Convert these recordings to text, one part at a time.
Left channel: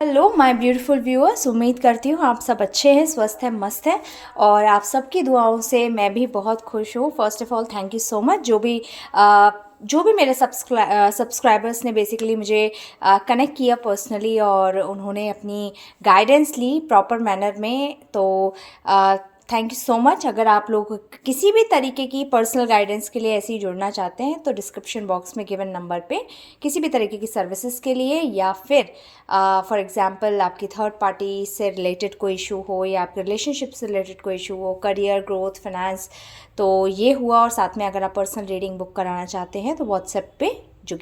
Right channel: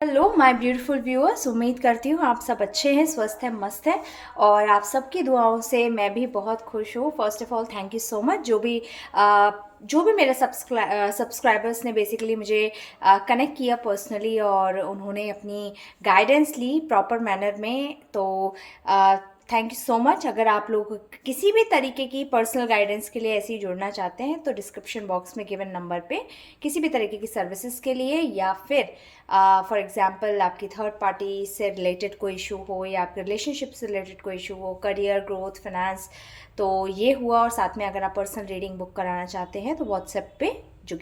Hello my beautiful viewers, उम्मीद करती हूँ आप सब अच्छे हैं, स्वस्थ हैं, मस्त हैं। और आप सबकी दुआओं से मैं भी बहुत खुश हूँ। First of all thank you so much जो भी मेरे सब्सक्राइबर्स ने बेसिकली मुझे कनेक्ट किया पर्सनली और उन्होंने अपनी गाइडेंस ली प्रॉपर मैनर में। तो थैंक यू सो मच। अगर आप लोग किसी भी तरीके की पर्सनल गाइडेंस के लिए ऐसे ही जुड़ना चाहते हैं तो डिस्क्रिप्शन बॉक्स में गिवन नंबर पे किसी भी तरीके की सर्विसेज के लिए, या फिर फॉर एग्जांपल आपकी थर्ड पार्टी से रिलेटेड कोई इशू हो या आपके रिलेशनशिप से रिलेटेड कोई इशू हो, करियर, ग्रोथ, फाइनेंस, तो ये हुआ। और साथ में अगर आप पर्सनल रीडिंग बुक कराना चाहते हैं तो व्हाट्सएप पे जो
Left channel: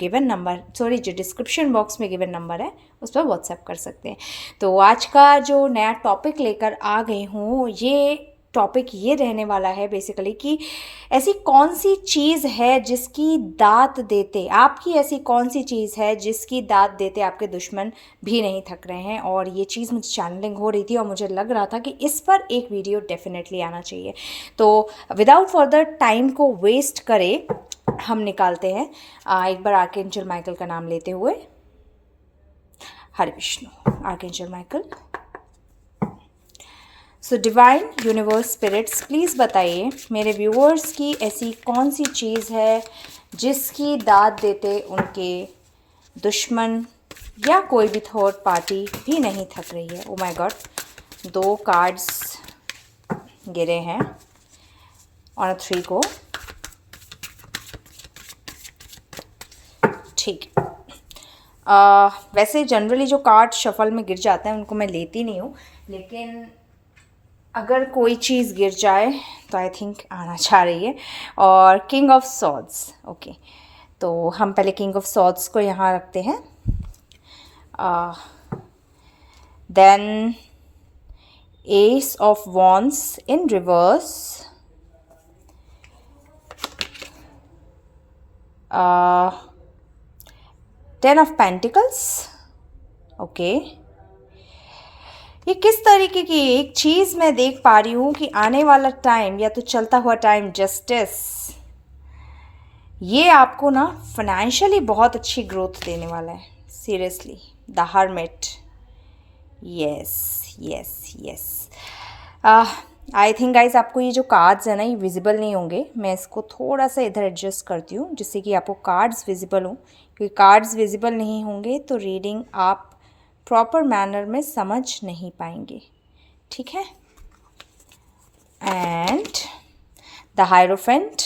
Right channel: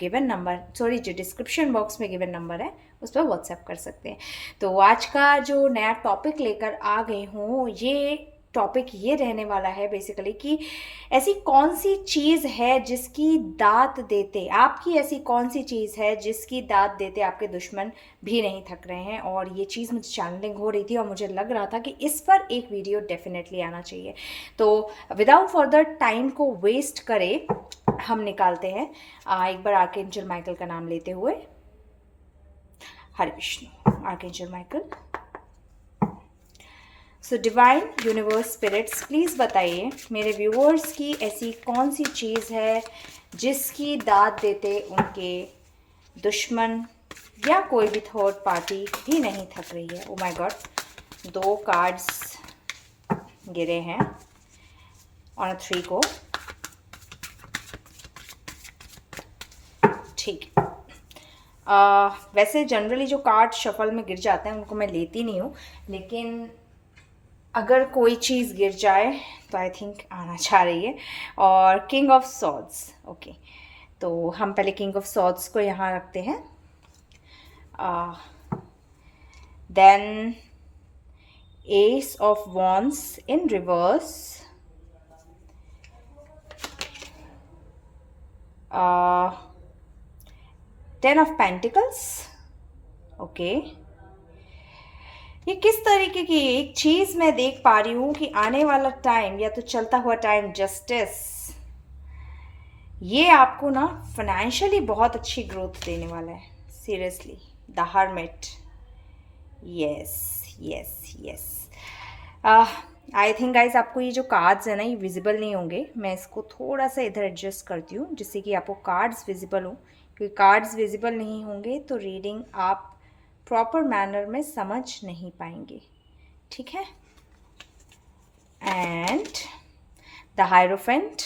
डिस्क्रिप्शन बॉक्स में गिवन नंबर है उस पर व्हाट्सएप कर सकते हैं। तो आज का जो नया टॉपिक लेकर आ गई हूँ, ये टॉपिक ये रहने वाला है बेसिकली कि ऐसी कौन सी चीज़ है जिसकी दात देते, आपकी ऐसी कौन सी चीज़ है जिसकी दात देते आपके दुश्मन भी नहीं थक रहे हैं। और ये चीज़ मुझे चैनलिंग हो रही थी और मुझे लग रहा था कि इस पर एक वीडियो डेफिनेटली आना चाहिए। तो विदाउट फर्दर टाइम को वेस्ट करे हम निकालते हैं एक बार आर्कएंजल माइकल का नाम लेते हुए। Hare Vishnu, archangel Michael. So divine universe spirits, please बताइए मेरे व्यूअर्स की ऐसी कौन सी चीज़ है जिसकी दाद देते उनके दुश्मन या कोई भी थर्ड पार्टी भी नहीं थक रही है। ओ माय गॉड, 2 कार्ड्स गिरे हैं ऑन 3 को। ठीक। वैसे जनरली जो कार्ड शफल में गिर जाते हैं उनको मैं लेती नहीं हूँ, लेकिन अगर कोई चीज़ गिर जाए तो आई थिंक आना चाह रही है। और किंग ऑफ सॉर्ड्स, ओके। तो हम पहले किंग ऑफ सॉर्ड्स को यहाँ रखते हैं। Then ace of wands in reverse, ten of pentacles, okay. ये किस तरीके की एक चीज़ मैं देख पा रही हूँ कि आने वाला टाइम या तो चलता हुआ टाइम, जस्टिस, ये आपको ना फाइनेंशियली बहुत अच्छी ग्रोथ देने वाला है। Seriously, the hermit, yes yes yes. I think guys आपको ये जो कार्ड्स है ना ये विजिबल नहीं होंगे। मैं इसको थोड़ा सा इधर एडजस्ट करती हूँ जिससे कि आपको कार्ड्स विजिबल हों, क्योंकि कार्ड्स विजिबल नहीं होंगे तो रीडिंग आप प्रॉपर मैनर में समझ नहीं पाएंगे, ठीक है। एंड द हायरोफेंट,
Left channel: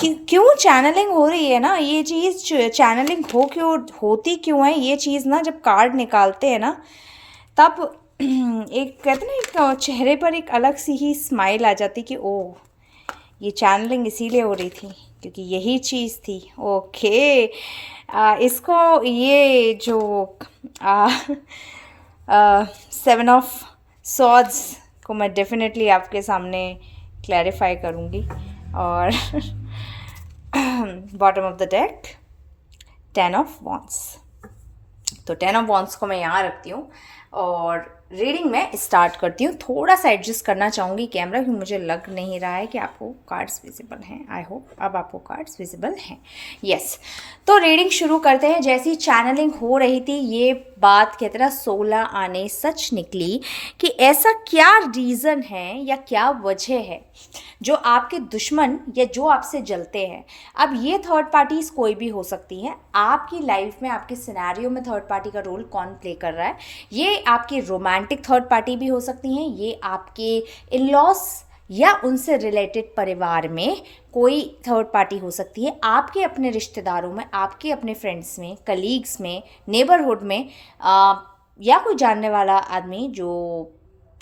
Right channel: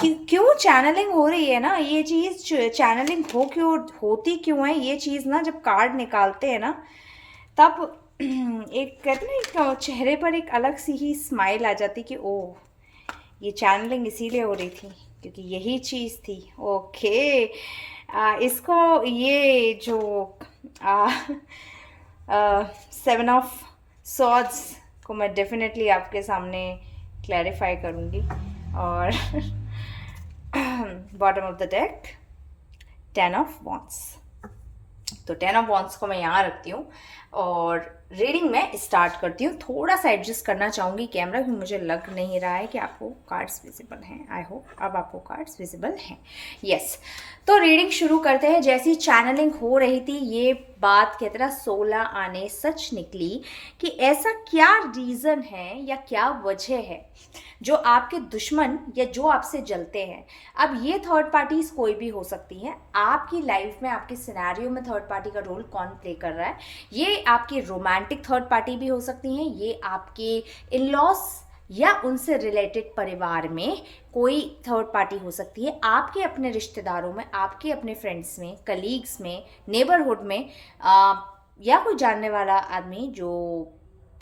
क्यों चैनलिंग हो रही है ना, ये चीज़ चैनलिंग होती क्यों है ये चीज़ ना, जब कार्ड निकालते हैं ना तब एक कहते हैं ना, एक चेहरे पर एक अलग सी ही स्माइल आ जाती कि ओह, ये चैनलिंग इसीलिए हो रही थी क्योंकि यही चीज़ थी। ओके। इसको ये जो 7 ऑफ सॉर्ड्स को मैं डेफिनेटली आपके सामने क्लैरिफाई करूँगी। और bottom of the deck 10 of wands. तो 10 ऑफ वॉन्ड्स को मैं यहाँ रखती हूँ और रीडिंग में स्टार्ट करती हूँ। थोड़ा सा एडजस्ट करना चाहूँगी कैमरा क्योंकि मुझे लग नहीं रहा है कि आपको कार्ड्स विजिबल हैं। आई होप अब आपको कार्ड्स विजिबल हैं। यस। तो रीडिंग शुरू करते हैं। जैसी चैनलिंग हो रही थी ये बात कहते ना 16 आने सच निकली कि ऐसा क्या रीज़न है या क्या वजह है जो आपके दुश्मन या जो आपसे जलते हैं। अब ये थर्ड पार्टीज कोई भी हो सकती है आपकी लाइफ में, आपके सिनेरियो में थर्ड पार्टी का रोल कौन प्ले कर रहा है। ये आपकी रोमांटिक थर्ड पार्टी भी हो सकती हैं, ये आपके इन लॉस या उनसे रिलेटेड परिवार में कोई थर्ड पार्टी हो सकती है, आपके अपने रिश्तेदारों में, आपके अपने फ्रेंड्स में, कलीग्स में, नेबरहुड में, या कोई जानने वाला आदमी जो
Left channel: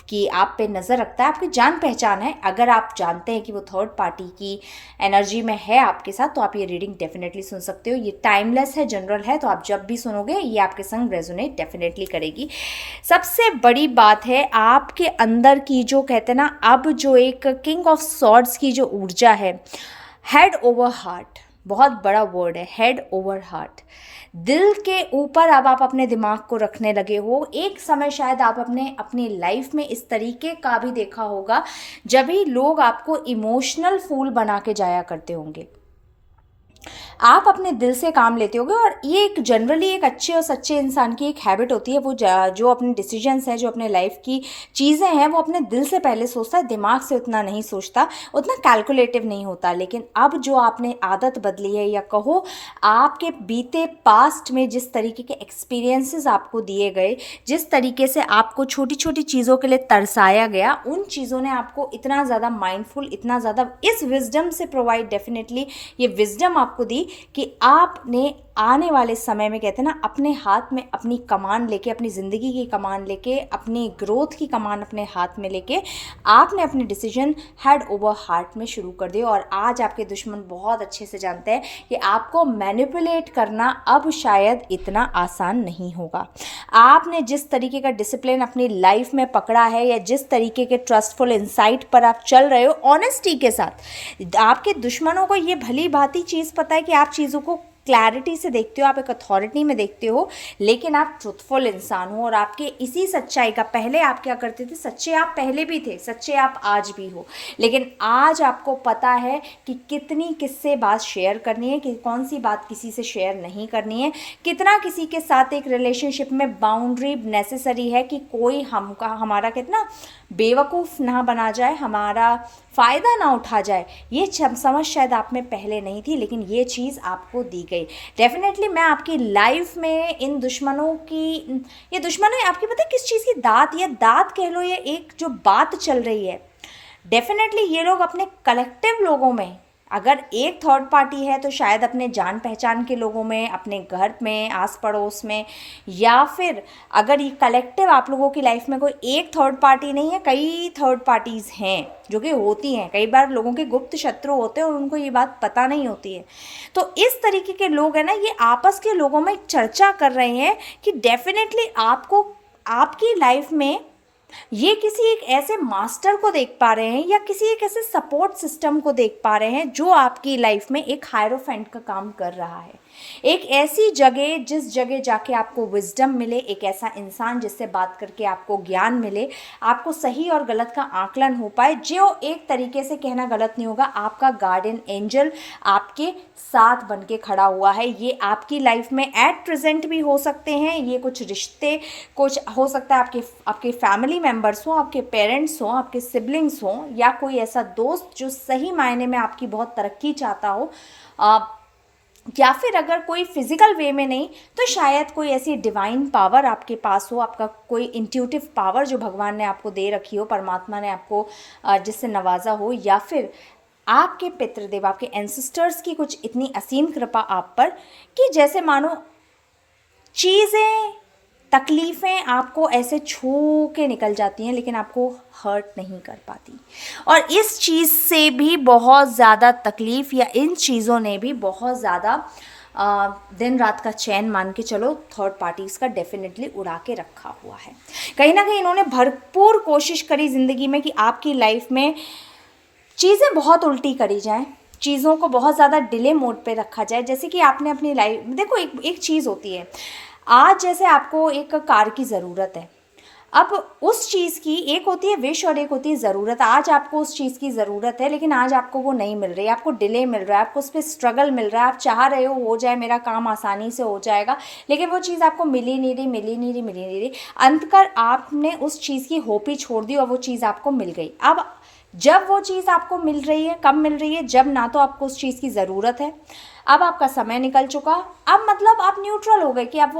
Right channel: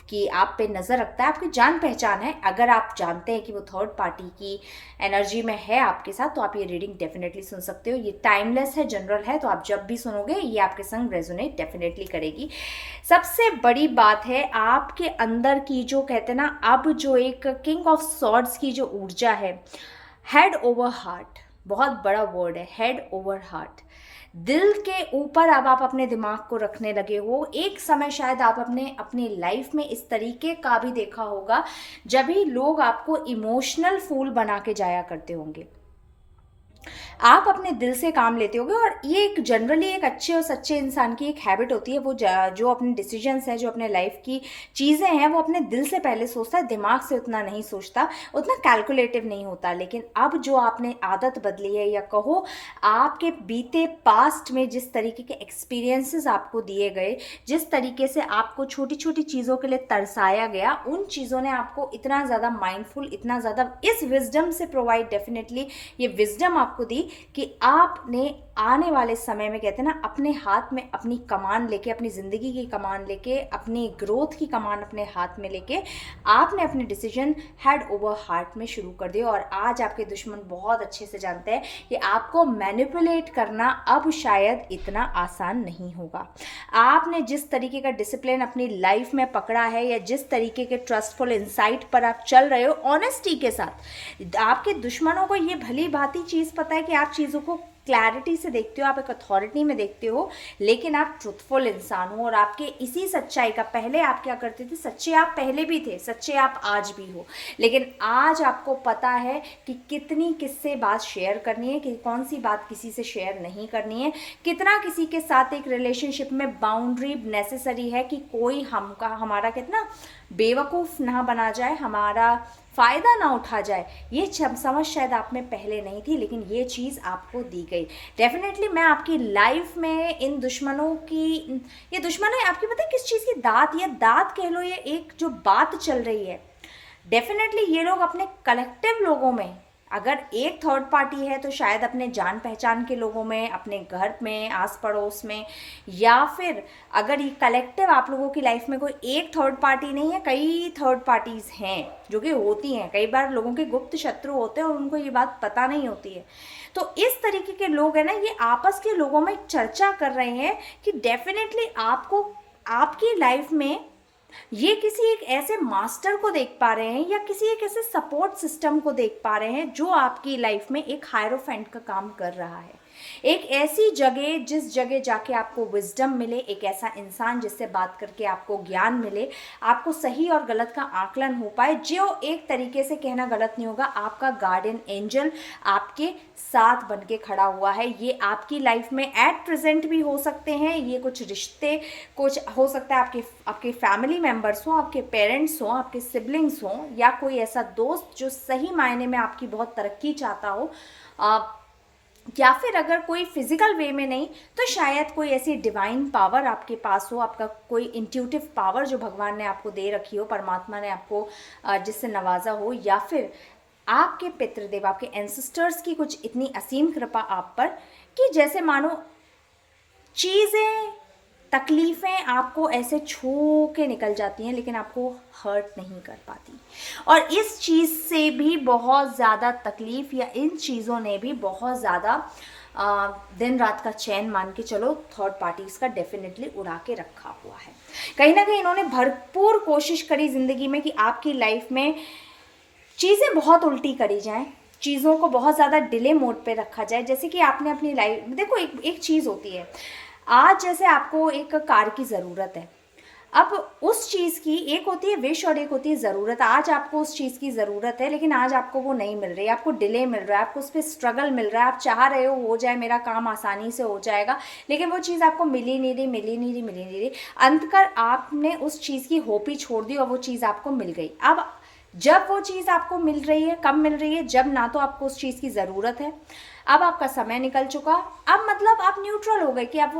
कि आप पे नज़र रखता है, आपकी जान पहचान है। अगर आप जानते हैं कि वो थर्ड पार्टी की एनर्जी में है आपके साथ तो आप ये रीडिंग डेफिनेटली सुन सकते हो। ये टाइमलेस है, जनरल है, तो आप जब भी सुनोगे ये आपके संग रेजोनेट डेफिनेटली करेगी। सबसे बड़ी बात है आपके अंदर की जो कहते हैं ना, अब जो एक किंग ऑफ सॉर्ड्स की जो ऊर्जा है, हेड ओवर हार्ट, बहुत बड़ा वर्ड है, हेड ओवर हार्ट। दिल के ऊपर अब आप अपने दिमाग को रखने लगे हो। एक समय शायद आप अपनी लाइफ में इस तरीके का भी देखा होगा जब भी लोग आपको इमोशनल फूल बना के जाया करते होंगे। आप अपने दिल से काम लेते होगे, और ये एक जनरली एक अच्छे और सच्चे इंसान की एक हैबिट होती है। वो जो अपने डिसीजंस हैं, जो अपने लाइफ की चीज़ें हैं, वो अपने दिल से पहले सोचता है, दिमाग से उतना नहीं सोचता, उतना कैलकुलेटिव नहीं होता। लेकिन अब जो आपने आदत बदली है, या कहो आपके बीते पास्ट में जिस तरीके के एक्सपीरियंसेस आपको दिए गए, जिस तरीके से आपको छोटी छोटी चीज़ों के लिए तरसाया गया, उन चीज़ों ने आपको इतना ज़्यादा माइंडफुल, इतना ज़्यादा इस विजडम से प्रोवाइड, डेफिनेटली ये विजडम आपको दी कि आपने आने वाले समय में, कहते हैं ना, अपने हाथ में अपनी कमान लेके, अपनी ज़िंदगी की कमान लेके, अपनी ग्रोथ की कमान अपने हाथ में लेके, आपने अपने डिसीजन हेड ओवर हार्ट में शुरू कर दिए। और आज आपके दुश्मन बहुत अच्छे से जानते हैं कि आपको मैनिपुलेट करना अब शायद इतना आसान नहीं होगा। आपने जिस तरीके का डिसिप्लिन अपनी लाइफ में पकड़ा है, या जिस तरीके के ट्रस्टफुल इंसाइट पर आप चल रहे हो ऑनेस्टी के साथ, आपके दुश्मनों को ये भली भांति चीज़ पता है कि आप चीज़ों को क्लैरिटी से देखते हो, आप एक अथॉरिटी में देखते हो, लेकिन आप ट्रुथफुल इंसान हो। और आपके इसी सच्चाई का, पहले आप क्या करते थे, सच्चे आप पहले भी थे, सच्चे आप आज भी हो, लेकिन आज आपको पता है कि कितनी किससे बात शेयर करनी है, कि कौन सी बात किसी से शेयर नहीं करनी है, कितना किसी के साथ एक रिलेशनशिप में बाउंड्री नेसेसरी है कि कोई हमारा कितना बेवकूफ़ ना बना जाए, हमारा फ़ायदा ना उठा जाए। ये समझ शायद आप में पहले नहीं थी, लेकिन ये चीज़ आपको दी गई। डेफिनेटली मैं आपकी लाइफ में इन दुश्मनों की, ये दुश्मन है आपकी, पता है किस चीज़ की, दात, या दात कह लो, ये एक जो बात चल रही है, डेफिनेटली ये लोग अपने कलेक्टिव लोगों में, अगर एक थर्ड पार्टी है तो शायद अपने जान पहचान के लोगों में, अपने घर में, आस पड़ोस में, या फिर अगर ये कलेक्टिव आप लोगों की लाइफ में कोई एक थर्ड पार्टी नहीं है, कई थर्ड पार्टीज़ हैं जो कि होती हैं। कई बार लोगों के गुप्त शत्रु होते हैं और उनको ये बात पता नहीं होती है। तो इस तरीके के लोग हैं ना, ये आपस के लोगों में चर्चा कर रहे हैं कि डेफिनेटली आपको, आपकी लाइफ में ये किसी एक ऐसे मास्टर को देख पा रहे हैं, या किसी एक ऐसे सपोर्ट सिस्टम को देख पा रहे हैं जो आपकी लाइफ में एक हायरोफेंट का काम कर रहा है। एक ऐसी जगह, जिस जगह जाके आपको विजडम मिले, एक ऐसा इंसान जिससे बात करके आपको ज्ञान मिले, आपको सही और गलत का आकलन हो पाए, जो एक तरीके से कहना गलत नहीं होगा, आपका गार्डियन एंजल आपके साथ बन के खड़ा हुआ है। ये आपकी लाइफ में एट प्रेजेंट भी हो सकते हैं, ये कुछ रिश्ते, कुछ हो सकता है आपके फैमिली मेम्बर्स हों, आपके पेरेंट्स हों, आपके सिबलिंग्स हों, या कोई ऐसा दोस्त जो सही मायने में आपकी बहुत तरक्की चाहता हो, या फिर अगर कोई फिजिकल वे में नहीं तो शायद कोई ऐसी डिवाइन पावर आपके पास हो, आपका कोई इंट्यूटिव पावर जो भगवान ने आपको दे रखी हो, परमात्मा ने आपको जिससे नवाजा हो, या फिर आपके पितृदेव, आपके एंसेस्टर्स की कुछ इतनी असीम कृपा आप पर कि जैसे मानो चीज़ें, तकलीफ़ें आपको ऐसे छू के निकल जाती हैं, लेकिन आपको हर्ट नहीं कर पाती। और इस चीज़ से भी बहुत ज़्यादा तकलीफ़, या इन चीज़ों ने भी बहुत ज़्यादा दिन रात का चैन मान के चलो, थर्ड पार्टीज़ का डेफिनेटली उड़ा के रखा हुआ है। कहीं ना कहीं इन्होंने भरपूर कोशिश करी ज़िंदगी में कि आपकी लाइफ में चीज़ें बहुत उल्टी करी जाएं, चीज़ों को बहुत ज़्यादा डिले मोड पे रखा जाए। जैसे कि आपने अपनी लाइफ, देखो एक चीज़ होती है, आज जैसे आपको एक कार की ज़रूरत है, अब उस चीज़ की एक होती है विश और एक होती है ज़रूरत। आज आपको उस चीज़ की ज़रूरत है, लेकिन आज आपको वो नहीं मिल रही, आपको डिले मिल रहा है, आपको उस पर स्ट्रगल मिल रहा है, आप चाह रहे हो जाए, मेरा काम आसानी से हो जाएगा, लेकिन वो चीज़ आपको मिली नहीं रही। अंततः आपने उस चीज़ की होप ही छोड़ दी और वो चीज़ आपको मिल गई। अब जब वो चीज़ आपको मिल रही है, कब मिल रही है, जब ना तो आपको उस चीज़ की ज़रूरत है, अब आपका समय निकल चुका, अब मतलब आप न्यूट्रल हो गए कि अब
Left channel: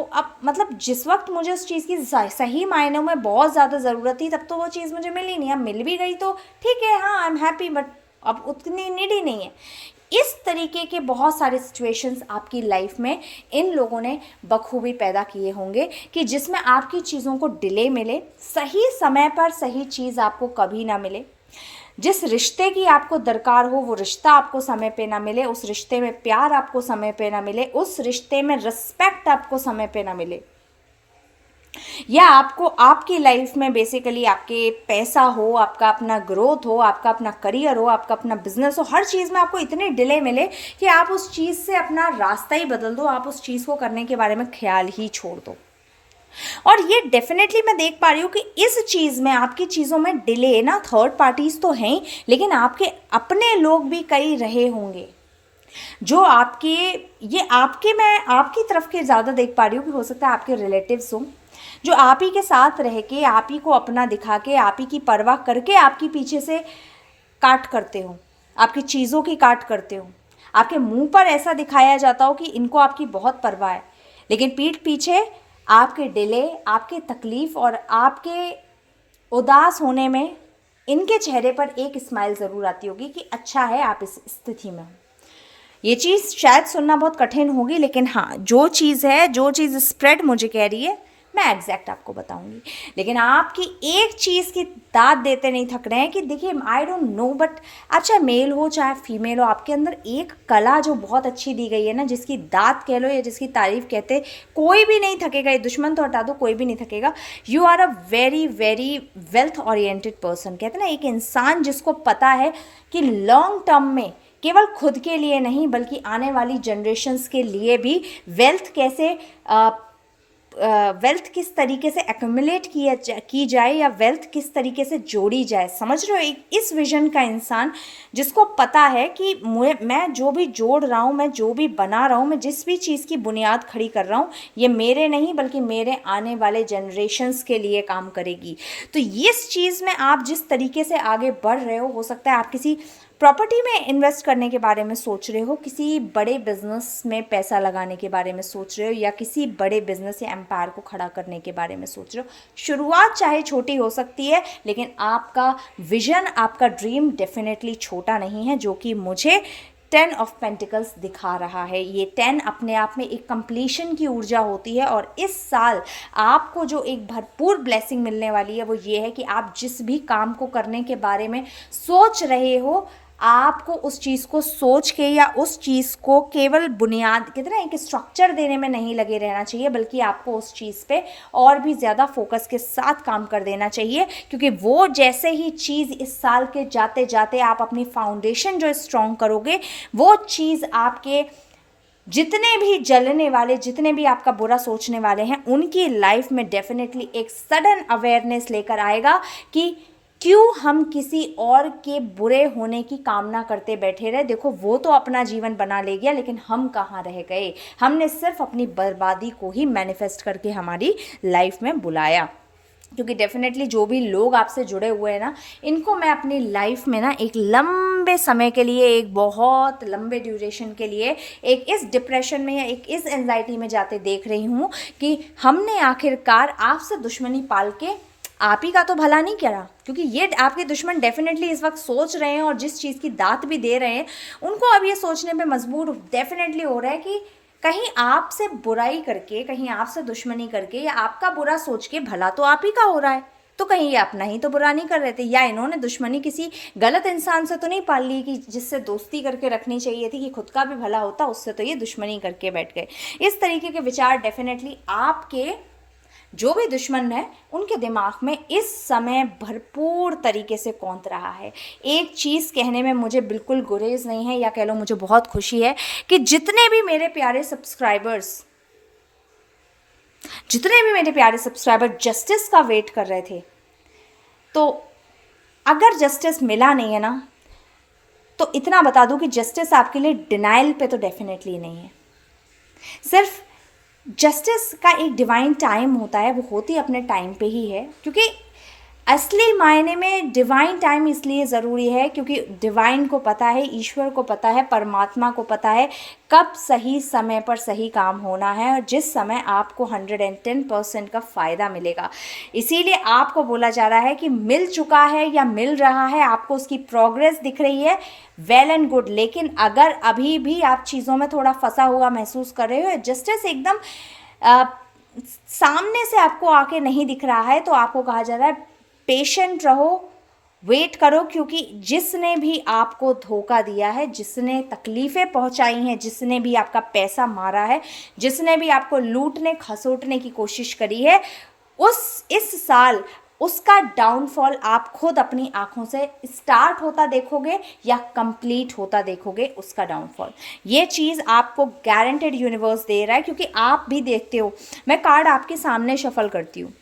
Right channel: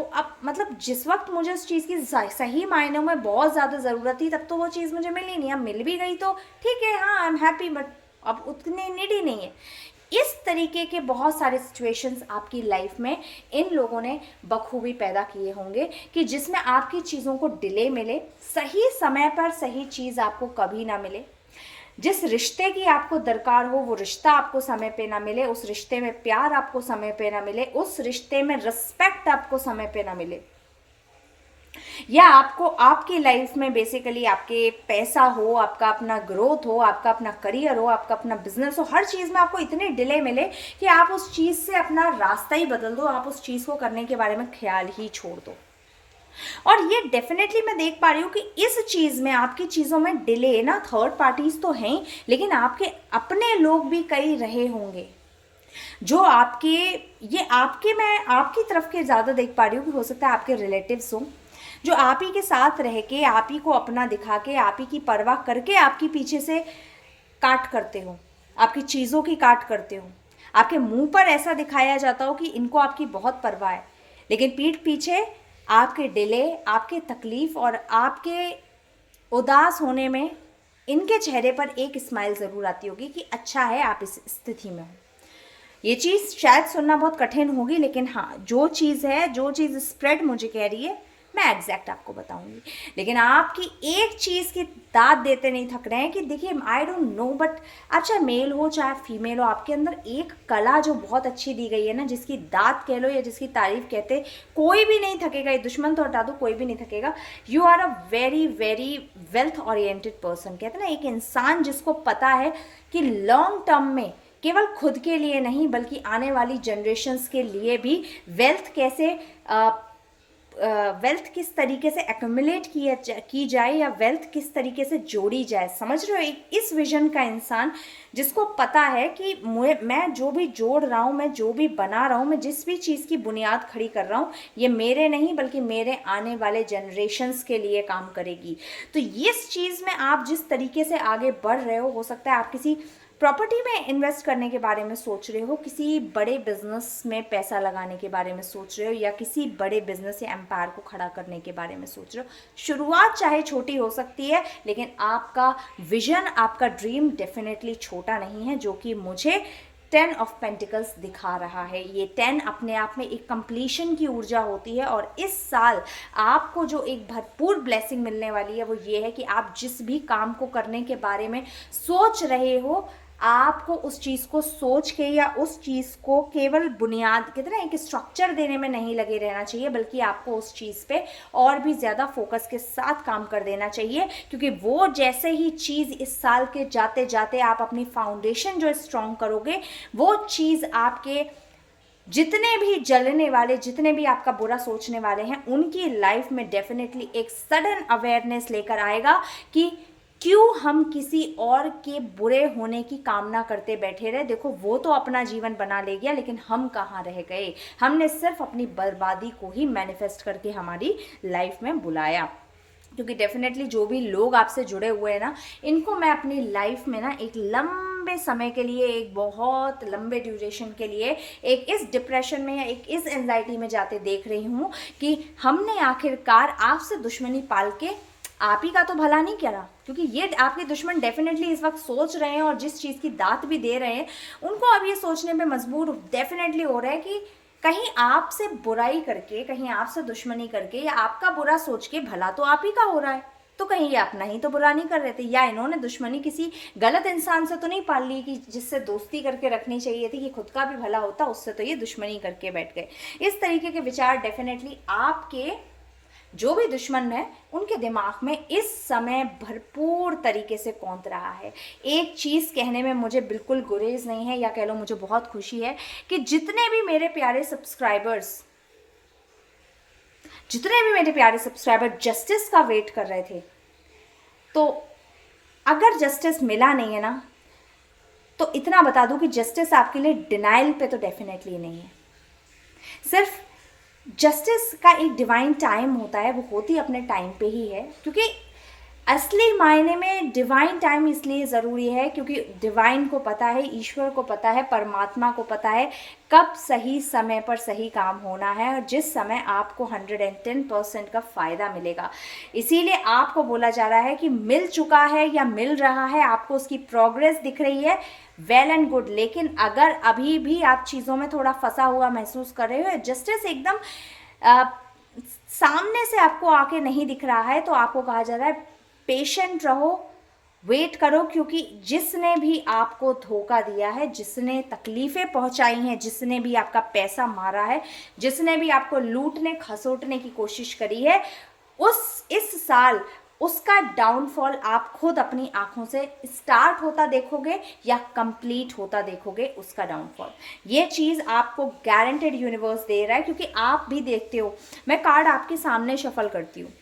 मतलब जिस वक्त मुझे उस चीज़ की सही मायनों में बहुत ज़्यादा ज़रूरत थी, तब तो वो चीज़ मुझे मिली नहीं। अब मिल भी गई तो ठीक है, हाँ आई एम हैप्पी, बट अब उतनी नीडी नहीं है। इस तरीके के बहुत सारे सिचुएशंस आपकी लाइफ में इन लोगों ने बखूबी पैदा किए होंगे कि जिसमें आपकी चीज़ों को डिले मिले, सही समय पर सही चीज़ आपको कभी ना मिले, जिस रिश्ते की आपको दरकार हो वो रिश्ता आपको समय पे ना मिले, उस रिश्ते में प्यार आपको समय पे ना मिले, उस रिश्ते में रिस्पेक्ट आपको समय पे ना मिले, या आपको आपकी लाइफ में बेसिकली आपके पैसा हो, आपका अपना ग्रोथ हो, आपका अपना करियर हो, आपका अपना बिजनेस हो, हर चीज़ में आपको इतने डिले मिले कि आप उस चीज़ से अपना रास्ता ही बदल दो, आप उस चीज़ को करने के बारे में ख्याल ही छोड़ दो। और ये डेफिनेटली मैं देख पा रही हूँ कि इस चीज़ में, आपकी चीज़ों में डिले ना, थर्ड पार्टीज़ तो हैं, लेकिन आपके अपने लोग भी कई रहे होंगे जो आपके, ये आपके, मैं आपकी तरफ के ज़्यादा देख पा रही हूँ कि हो सकता है आपके रिलेटिव्स हों, जो आप ही के साथ रह के, आप ही को अपना दिखा के, आप ही की परवाह करके आपकी पीछे से काट करते हो, आपकी चीज़ों की काट करते हो। आपके मुंह पर ऐसा दिखाया जाता हो कि इनको आपकी बहुत परवाह है, लेकिन पीठ पीछे आपके डिले, आपके तकलीफ़ और आपके उदास होने में इनके चेहरे पर एक स्माइल ज़रूर आती होगी कि अच्छा है आप इस स्थिति में हो। ये चीज़ शायद सुनना बहुत कठिन होगी, लेकिन हाँ, जो चीज़ है, जो चीज़ स्प्रेड मुझे कह रही है, मैं एग्जैक्ट आपको बताऊंगी। लेकिन आपकी एक चीज़ की दाद देते नहीं थक रहे हैं कि देखिए, आई डोंट नो, बट आप चाहे मेल हो चाहे फीमेल हो, आपके अंदर एक कला जो बहुत अच्छी दी गई है ना, जिसकी दाद कह लो या जिसकी तारीफ कहते, कोई भी नहीं थकेगा। ये दुश्मन तो हटा दो, कोई भी नहीं थकेगा। You are a very very wealth oriented person. कहते ना, एक इंसान जिसको पता है कि लॉन्ग टर्म में केवल खुद के लिए नहीं बल्कि आने वाली जनरेशन्स के लिए भी वेल्थ कैसे, वेल्थ किस तरीके से एक्यूमुलेट की जाए या वेल्थ किस तरीके से जोड़ी जाए, समझ रहे हो? एक इस विजन का इंसान जिसको पता है कि मैं जो भी जोड़ रहा हूँ, मैं जो भी बना रहा हूँ, मैं जिस भी चीज़ की बुनियाद खड़ी कर रहा हूँ, ये मेरे नहीं बल्कि मेरे आने वाले जनरेशन्स के लिए काम करेगी। तो इस चीज़ में आप जिस तरीके से आगे बढ़ रहे हो सकता है आप किसी प्रॉपर्टी में इन्वेस्ट करने के बारे में सोच रहे हो, किसी बड़े बिजनेस में पैसा लगाने के बारे में सोच रहे हो, या किसी बड़े बिजनेस या एम्पायर को खड़ा करने के बारे में सोच रहे हो। शुरुआत चाहे छोटी हो सकती है, लेकिन आपका विजन, आपका ड्रीम डेफिनेटली छोटा नहीं है, जो कि मुझे 10 ऑफ पेंटिकल्स दिखा रहा है। ये 10 अपने आप में एक कंप्लीशन की ऊर्जा होती है, और इस साल आपको जो एक भरपूर ब्लेसिंग मिलने वाली है वो ये है कि आप जिस भी काम को करने के बारे में सोच रहे हो, आपको उस चीज़ को सोच के या उस चीज़ को केवल बुनियाद, कहते हैं ना, एक स्ट्रक्चर देने में नहीं लगे रहना चाहिए, बल्कि आपको उस चीज़ पे और भी ज़्यादा फोकस के साथ काम कर देना चाहिए। क्योंकि वो जैसे ही चीज़ इस साल के जाते जाते आप अपनी फाउंडेशन जो स्ट्रॉन्ग करोगे, वो चीज़ आपके जितने भी जलने वाले, जितने भी आपका बुरा सोचने वाले हैं, उनकी लाइफ में डेफिनेटली एक सडन अवेयरनेस लेकर आएगा कि क्यों हम किसी और के बुरे होने की कामना करते बैठे रहे। देखो, वो तो अपना जीवन बना ले गया, लेकिन हम कहाँ रह गए? हमने सिर्फ अपनी बर्बादी को ही मैनिफेस्ट करके हमारी लाइफ में बुलाया। क्योंकि डेफिनेटली जो भी लोग आपसे जुड़े हुए हैं ना, इनको मैं अपनी लाइफ में ना एक लंबे समय के लिए, एक बहुत लंबे ड्यूरेशन के लिए, एक इस डिप्रेशन में या एक इस एंजाइटी में जाते देख रही हूँ कि हमने आखिरकार आपसे दुश्मनी पाल के आप ही का तो भला नहीं करा। क्योंकि ये आपके दुश्मन डेफिनेटली इस वक्त सोच रहे हैं, और जिस चीज़ की दात भी दे रहे हैं, उनको अब ये सोचने पे मजबूर डेफिनेटली हो रहा है कि कहीं आपसे बुराई करके, कहीं आपसे दुश्मनी करके या आपका बुरा सोच के भला तो आप ही का हो रहा है, तो कहीं ये अपना ही तो बुरा नहीं कर रहे थे, या इन्होंने दुश्मनी किसी गलत इंसान से तो नहीं पाल ली कि जिससे दोस्ती करके रखनी चाहिए थी कि खुद का भी भला होता, उससे तो ये दुश्मनी करके बैठ गए। इस तरीके के विचार डेफिनेटली आपके जो भी दुश्मन है उनके दिमाग में इस समय भरपूर तरीके से कौंध रहा है। एक चीज़ कहने में मुझे बिल्कुल गुरेज नहीं है, या कह लो मुझे बहुत खुशी है कि जितने भी मेरे प्यारे सब्सक्राइबर जस्टिस का वेट कर रहे थे, तो अगर जस्टिस मिला नहीं है ना, तो इतना बता दूं कि जस्टिस आपके लिए डिनाइल पे तो डेफिनेटली नहीं है। सिर्फ जस्टिस का एक डिवाइन टाइम होता है, वो होती अपने टाइम पे ही है। क्योंकि असली मायने में डिवाइन टाइम इसलिए ज़रूरी है क्योंकि डिवाइन को पता है, ईश्वर को पता है, परमात्मा को पता है कब सही समय पर सही काम होना है, और जिस समय आपको 110% का फ़ायदा मिलेगा। इसीलिए आपको बोला जा रहा है कि मिल चुका है या मिल रहा है, आपको उसकी प्रोग्रेस दिख रही है, वेल एंड गुड। लेकिन अगर अभी भी आप चीज़ों में थोड़ा फंसा हुआ महसूस कर रहे हो, जस्टिस एकदम सामने से आपको आके नहीं दिख रहा है, तो आपको कहा जा रहा है पेशेंट रहो, वेट करो। क्योंकि जिसने भी आपको धोखा दिया है, जिसने तकलीफ़ें पहुंचाई हैं, जिसने भी आपका पैसा मारा है, जिसने भी आपको लूटने खसोटने की कोशिश करी है, इस साल उसका डाउनफॉल आप खुद अपनी आंखों से स्टार्ट होता देखोगे या कंप्लीट होता देखोगे उसका डाउनफॉल। ये चीज़ आपको गारंटेड यूनिवर्स दे रहा है, क्योंकि आप भी देखते हो। मैं कार्ड आपके सामने शफल करती हूँ,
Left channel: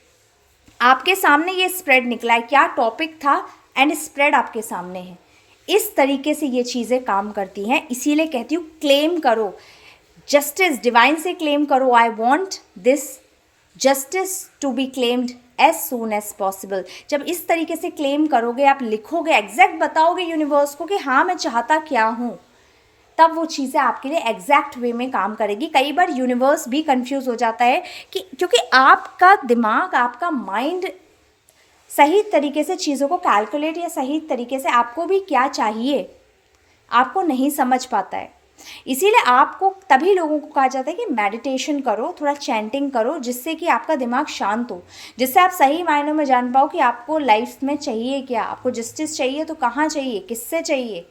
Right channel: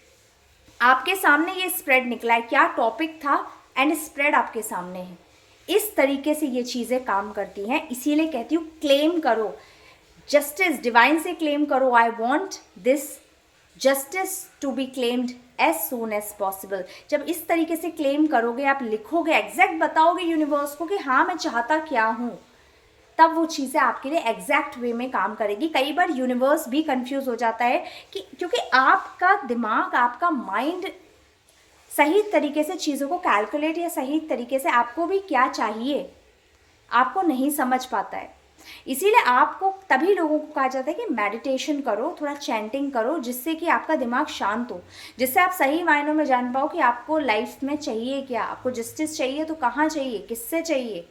आपके सामने ये स्प्रेड निकला है, क्या टॉपिक था, एंड स्प्रेड आपके सामने है। इस तरीके से ये चीज़ें काम करती हैं। इसीलिए कहती हूँ क्लेम करो, जस्टिस डिवाइन से क्लेम करो, I want this justice to be claimed as soon as possible. जब इस तरीके से क्लेम करोगे, आप लिखोगे, एग्जैक्ट बताओगे यूनिवर्स को कि हाँ मैं चाहता क्या हूँ, तब वो चीज़ें आपके लिए एग्जैक्ट वे में काम करेगी। कई बार यूनिवर्स भी कंफ्यूज हो जाता है कि क्योंकि आपका दिमाग, आपका माइंड सही तरीके से चीज़ों को कैलकुलेट या सही तरीके से आपको भी क्या चाहिए आपको नहीं समझ पाता है। इसीलिए आपको तभी लोगों को कहा जाता है कि मेडिटेशन करो, थोड़ा चैंटिंग करो, जिससे कि आपका दिमाग शांत हो, जिससे आप सही मायनों में जान पाओ कि आपको लाइफ में चाहिए क्या, आपको जस्टिस चाहिए तो कहाँ चाहिए, किससे चाहिए।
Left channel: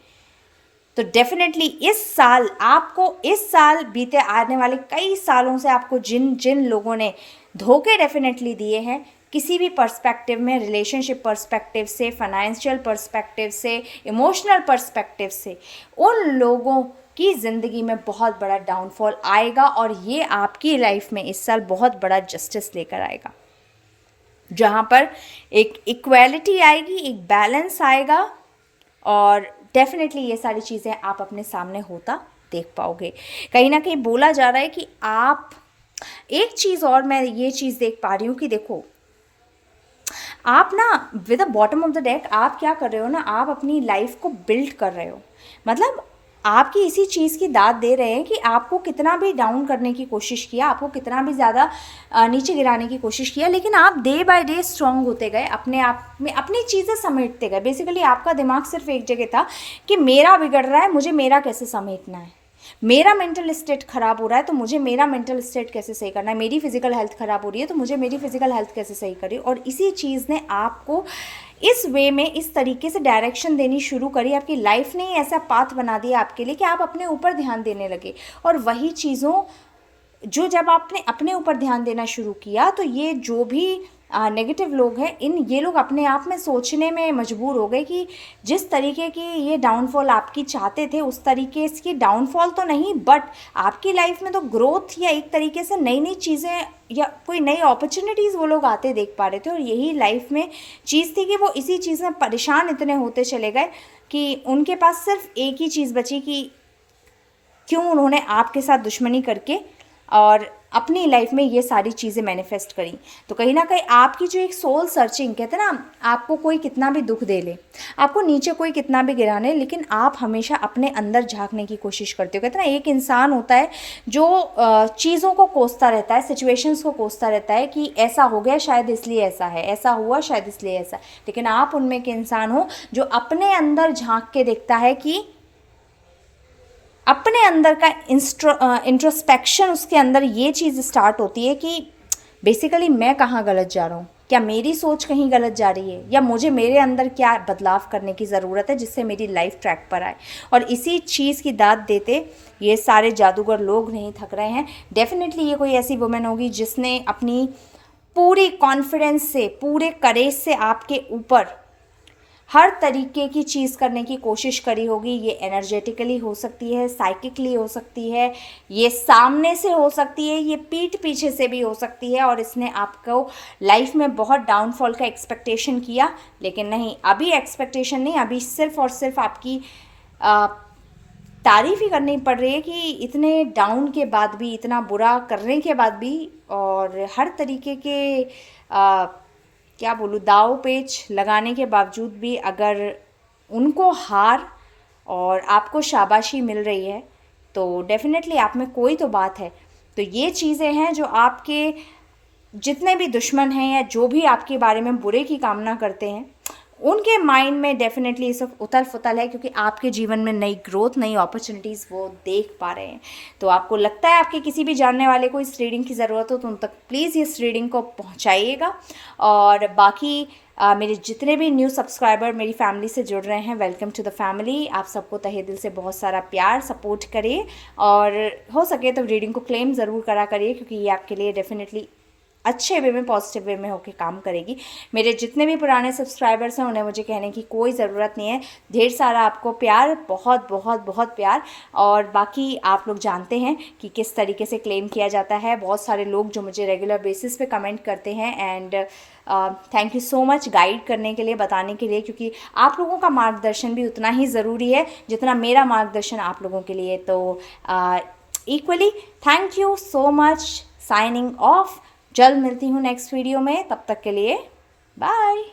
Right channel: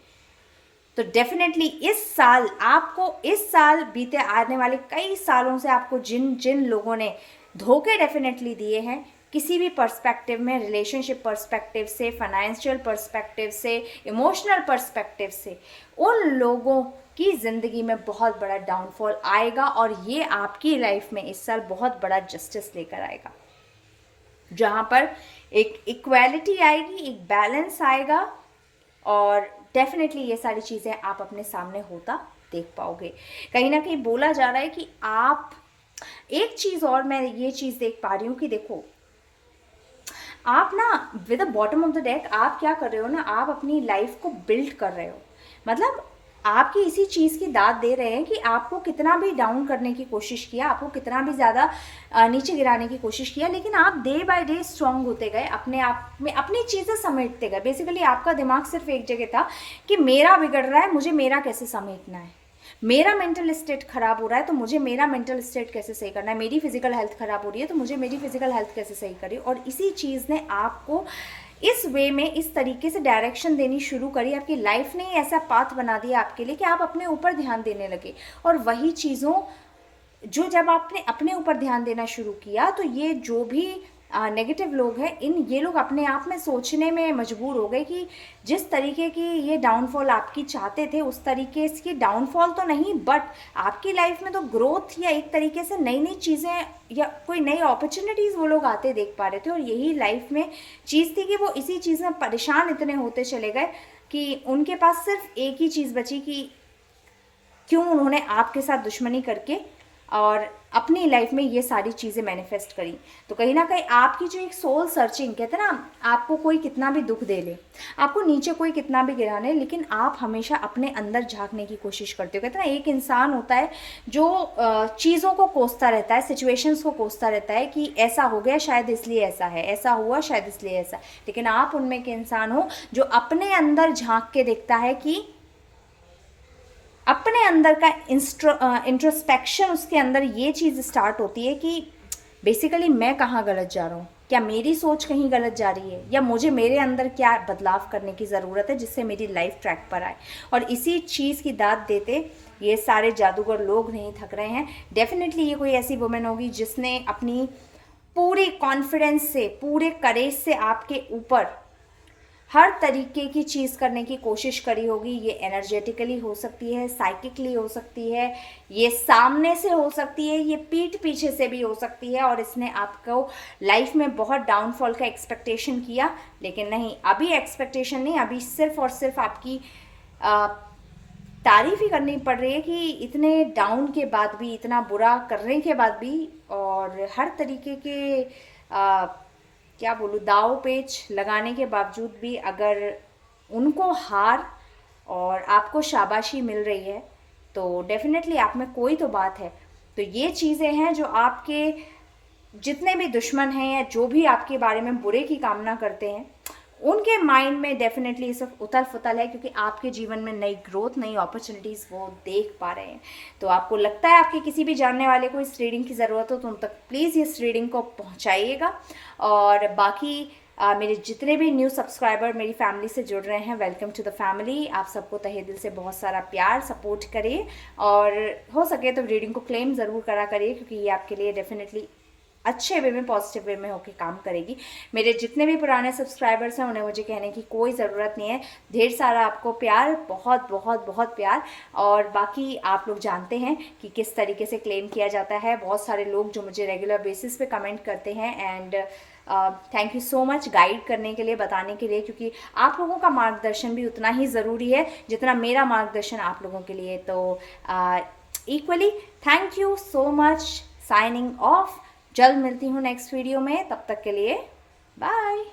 तो डेफिनेटली इस साल आपको, इस साल बीते आने वाले कई सालों से आपको जिन जिन लोगों ने धोखे डेफिनेटली दिए हैं, किसी भी पर्सपेक्टिव में, रिलेशनशिप पर्सपेक्टिव से, फाइनेंशियल पर्सपेक्टिव से, इमोशनल पर्सपेक्टिव से, उन लोगों की ज़िंदगी में बहुत बड़ा डाउनफॉल आएगा और ये आपकी लाइफ में इस साल बहुत बड़ा जस्टिस लेकर आएगा, जहाँ पर एक इक्वालिटी आएगी, एक बैलेंस आएगा और डेफिनेटली ये सारी चीज़ें आप अपने सामने होता देख पाओगे। कहीं ना कहीं बोला जा रहा है कि आप, एक चीज़ और मैं ये चीज़ देख पा रही हूँ कि देखो आप ना with the bottom of the deck आप क्या कर रहे हो ना, आप अपनी लाइफ को बिल्ड कर रहे हो। मतलब आपकी इसी चीज़ की दाद दे रहे हैं कि आपको कितना भी डाउन करने की कोशिश किया, आपको कितना भी ज़्यादा नीचे गिराने की कोशिश किया, लेकिन आप डे बाय डे स्ट्रॉन्ग होते गए, अपने आप में अपनी चीज़ें समेटते गए। बेसिकली आपका दिमाग सिर्फ एक जगह था कि मेरा बिगड़ रहा है, मुझे मेरा कैसे समेटना है, मेरा मेंटल स्टेट खराब हो रहा है तो मुझे मेरा मेंटल स्टेट कैसे सही करना है, मेरी फिजिकल हेल्थ खराब हो रही है तो मुझे मेरी फिजिकल हेल्थ कैसे सही करी। और इसी चीज़ ने आपको इस वे में, इस तरीके से डायरेक्शन देनी शुरू करी, आपकी लाइफ ने ऐसा पाथ बना दिया आपके लिए कि आप अपने ऊपर ध्यान देने लगे। और वही चीज़ों जो जब आपने अपने ऊपर ध्यान देना शुरू किया तो ये जो भी नेगेटिव लोग हैं, ये लोग अपने आप में सोचने में मजबूर हो गए कि जिस तरीके की ये डाउनफॉल आपकी चाहते थे उस तरीके की डाउनफॉल तो नहीं, बट आपकी लाइफ में तो ग्रोथ या एक तरीके से नई नई चीज़ें या कोई नई अपॉर्चुनिटीज़ वो लोग आते देख पा रहे थे। और यही लाइफ में चीज़ थी कि वो इसी चीज़ में परेशान इतने होते चले गए कि उनके पास सिर्फ एक ही चीज़ बची कि क्यों उन्होंने आपके साथ दुश्मनी करके और अपनी लाइफ में ये सारी चीज़ें मैनिफेस्ट करी। तो कहीं ना कहीं आपकी जो एक सोल सर्चिंग, कहते हैं ना, आपको कोई कितना भी दुख दे ले, आपको नीचे कोई कितना भी गिराने, लेकिन आप हमेशा अपने अंदर झांकने की कोशिश करते हो। कहते हैं ना, एक इंसान होता है जो चीज़ों को कोसता रहता है, सिचुएशंस को कोसता रहता है कि ऐसा हो गया शायद इसलिए ऐसा है, ऐसा हुआ शायद इसलिए ऐसा, लेकिन आप उनमें के इंसान हो जो अपने अंदर झांक के देखता है कि अपने अंदर का इंट्रोस्पेक्शन, उसके अंदर ये चीज़ स्टार्ट होती है कि बेसिकली मैं कहाँ गलत जा रहा हूँ, क्या मेरी सोच कहीं गलत जा रही है, या मुझे मेरे अंदर क्या बदलाव करने की ज़रूरत है जिससे मेरी लाइफ ट्रैक पर आए। और इसी चीज़ की दाद देते ये सारे जादूगर लोग नहीं थक रहे हैं। डेफिनेटली ये कोई ऐसी वुमेन होगी जिसने अपनी पूरी कॉन्फिडेंस से, पूरे करेज से आपके ऊपर हर तरीके की चीज़ करने की कोशिश करी होगी। ये एनर्जेटिकली हो सकती है, साइकिकली हो सकती है, ये सामने से हो सकती है, ये पीठ पीछे से भी हो सकती है। और इसने आपको लाइफ में बहुत डाउनफॉल का एक्सपेक्टेशन किया, लेकिन नहीं, अभी एक्सपेक्टेशन नहीं, अभी सिर्फ और सिर्फ आपकी तारीफ ही करनी पड़ रही है कि इतने डाउन के बाद भी, इतना बुरा करने के बाद भी, और हर तरीके के क्या बोलूँ, दाव पेच लगाने के बावजूद भी अगर उनको हार और आपको शाबाशी मिल रही है तो डेफिनेटली आप में कोई तो बात है। तो ये चीज़ें हैं जो आपके जितने भी दुश्मन हैं या जो भी आपके बारे में बुरे की कामना करते हैं, उनके माइंड में डेफिनेटली ये सब उथल फुथल है, क्योंकि आपके जीवन में नई ग्रोथ, नई अपॉर्चुनिटीज़ वो देख पा रहे हैं। तो आपको लगता है आपके किसी भी जानने वाले को इस रीडिंग की ज़रूरत हो तो उन तक प्लीज़ इस रीडिंग को पहुंचाइएगा। और बाकी मेरे जितने भी न्यू सब्सक्राइबर मेरी फैमिली से जुड़ रहे हैं, वेलकम टू द फैमिली। आप सबको तहे दिल से बहुत सारा प्यार, सपोर्ट करिए और हो सके तो रीडिंग को क्लेम ज़रूर करा करिए, क्योंकि ये आपके लिए डेफिनेटली अच्छे वे में, पॉजिटिव वे में होकर काम करेगी। मेरे जितने भी पुराने सब्सक्राइबर्स हैं उन्हें मुझे कहने की कोई ज़रूरत नहीं है। ढेर सारा आपको प्यार, बहुत बहुत बहुत प्यार। और बाकी आप लोग जानते हैं कि किस तरीके से क्लेम किया जाता है। बहुत सारे लोग जो मुझे रेगुलर बेसिस पे कमेंट करते हैं, and thank you so much guide करने के लिए, बताने के लिए, क्योंकि आप लोगों का मार्गदर्शन भी उतना ही ज़रूरी है जितना मेरा मार्गदर्शन आप लोगों के लिए। तो equally thank you so much. Signing off. जल्द मिलती हूँ नेक्स्ट वीडियो में, तब तक के लिए बाय।